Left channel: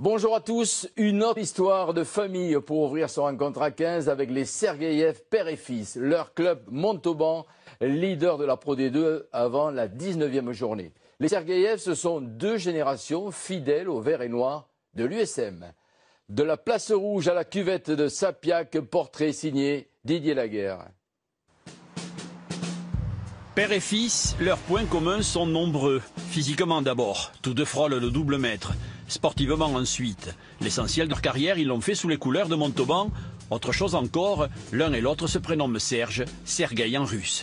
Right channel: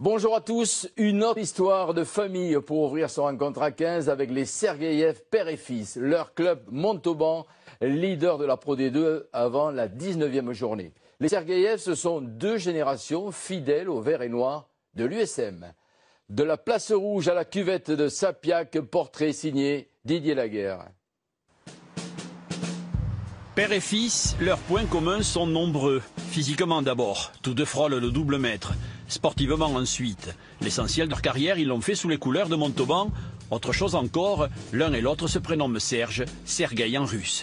Bonjour à tous, une autre histoire de famille pour ouvrir son rencontre à 15 avec les Sergueïev père et fils. Leur club Montauban, leader de la Pro D2 avant la 19e journée. Les Sergueïev, ce sont deux générations fidèles au vert et noir de l'USM. De la place rouge à la cuvette de Sapiac, portrait signé Didier Laguerre. Père et fils, leurs points communs sont nombreux. Physiquement d'abord, tous deux frôlent le double mètre. Sportivement ensuite. L'essentiel de leur carrière, ils l'ont fait sous les couleurs de Montauban. Autre chose encore, l'un et l'autre se prénomment Serge, Sergueï en russe.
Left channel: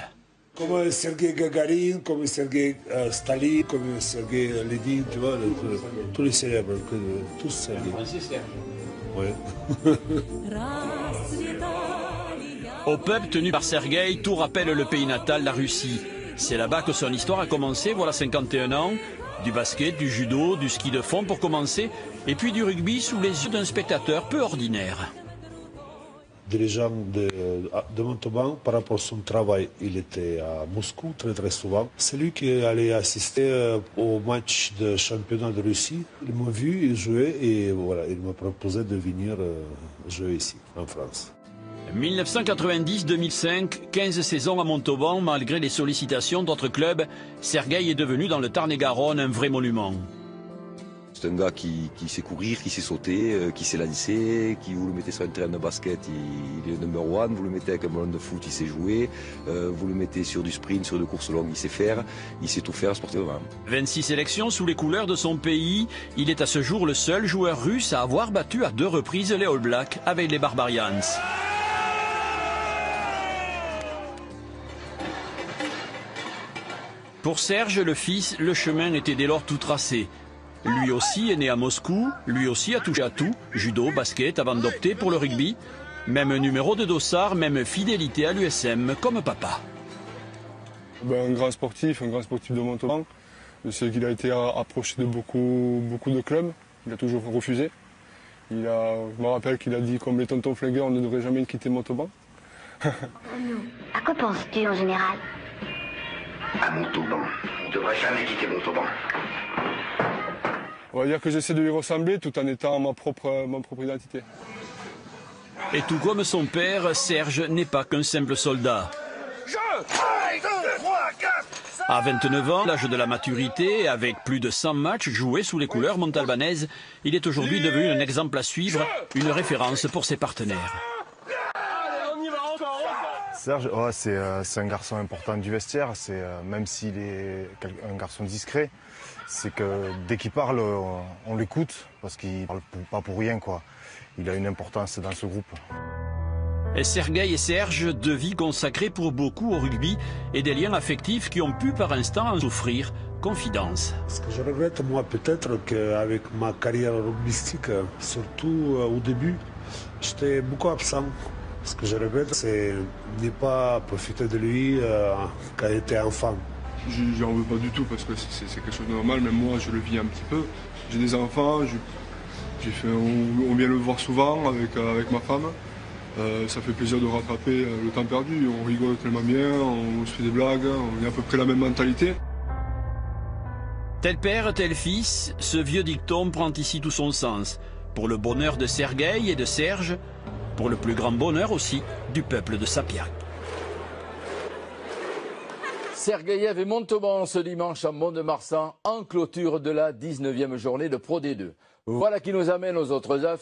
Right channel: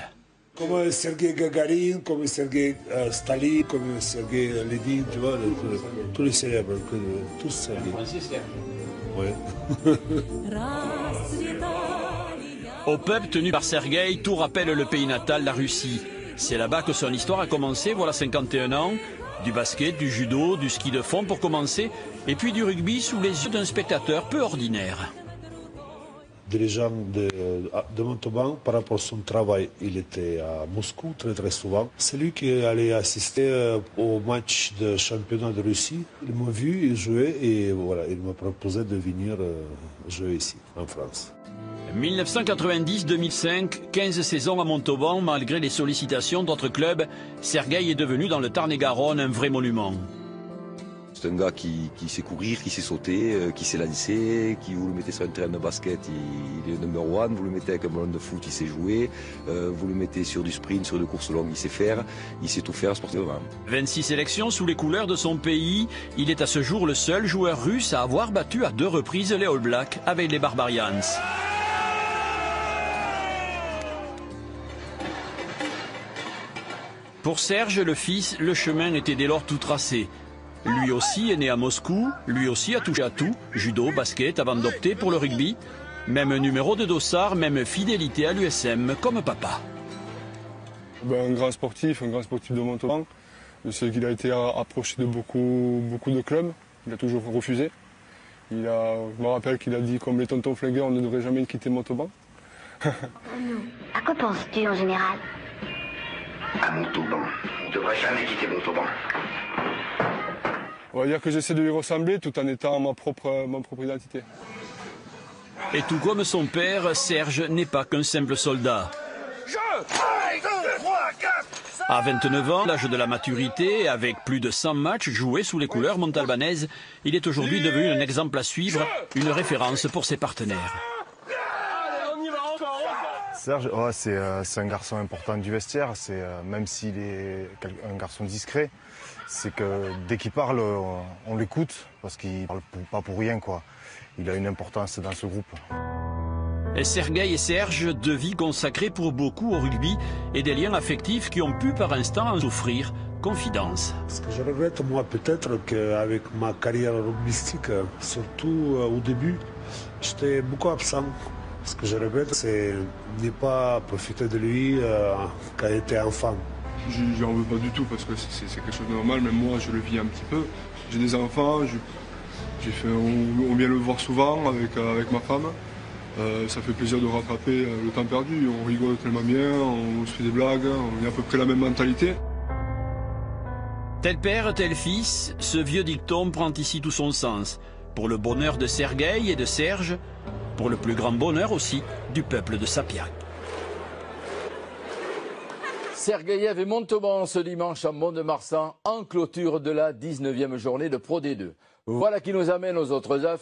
Comme Sergueï Gagarin, comme Sergueï Staline, comme Sergueï Lénine, tu vois, tous les célèbres, tous Sergueï. Ouais. Au pub tenu par Sergueï, tout rappelle le pays natal, la Russie. C'est là-bas que son histoire a commencé, voilà 51 ans. Du basket, du judo, du ski de fond pour commencer, et puis du rugby sous les yeux d'un spectateur peu ordinaire. Dirigeant de Montauban, par rapport à son travail, il était à Moscou très souvent. C'est lui qui allait assister au match de championnat de Russie. Il m'a vu jouer et voilà, il m'a proposé de venir jouer ici, en France. 1990-2005, 15 saisons à Montauban, malgré les sollicitations d'autres clubs, Sergueï est devenu dans le Tarn-et-Garonne un vrai monument. C'est un gars qui sait courir, qui sait sauter, qui sait lancer, qui vous le mettez sur un terrain de basket, il est number one, vous le mettez avec un ballon de foot, il sait jouer, vous le mettez sur du sprint, sur des courses longues, il sait faire, il sait tout faire sportivement. 26 sélections sous les couleurs de son pays, il est à ce jour le seul joueur russe à avoir battu à 2 reprises les All Blacks avec les Barbarians. Pour Serge, le fils, le chemin était dès lors tout tracé. Lui aussi est né à Moscou, lui aussi a touché à tout, judo, basket, avant d'opter pour le rugby. Même numéro de dossard, même fidélité à l'USM, comme papa. Un grand sportif de Montauban. Je sais qu'il a été approché de beaucoup de clubs, il a toujours refusé. Je me rappelle qu'il a dit, comme les tontons flingués, on ne devrait jamais quitter Montauban. À quoi penses-tu en général? À Montauban. On ne devrait jamais quitter Montauban. On va dire que j'essaie de lui ressembler tout en étant ma propre identité. Et tout comme son père, Serge n'est pas qu'un simple soldat. À 29 ans, l'âge de la maturité, avec plus de 100 matchs joués sous les couleurs montalbanaises, il est aujourd'hui devenu un exemple à suivre, une référence pour ses partenaires. Serge, c'est un garçon important du vestiaire, même s'il est un garçon discret, c'est que dès qu'il parle, on l'écoute, parce qu'il parle pas pour rien, quoi. Il a une importance dans ce groupe. Et Sergueï et Serge, 2 vies consacrées pour beaucoup au rugby et des liens affectifs qui ont pu par instant en souffrir. Confidence. Ce que je regrette, moi, peut-être qu'avec ma carrière rugbystique, surtout au début, j'étais beaucoup absent. Ce que je regrette, c'est ne pas profiter de lui quand il était enfant. J'en veux pas du tout parce que c'est quelque chose de normal, même moi je le vis un petit peu. J'ai des enfants, on vient le voir souvent avec ma femme. Ça fait plaisir de rattraper le temps perdu, on rigole tellement bien, on se fait des blagues, on a à peu près la même mentalité. Tel père, tel fils, ce vieux dicton prend ici tout son sens. Pour le bonheur de Sergueï et de Serge, pour le plus grand bonheur aussi du peuple de Sapiac. Sergueïev et Montauban ce dimanche à Mont-de-Marsan en clôture de la 19e journée de Pro D2. Voilà qui nous amène aux autres affiches.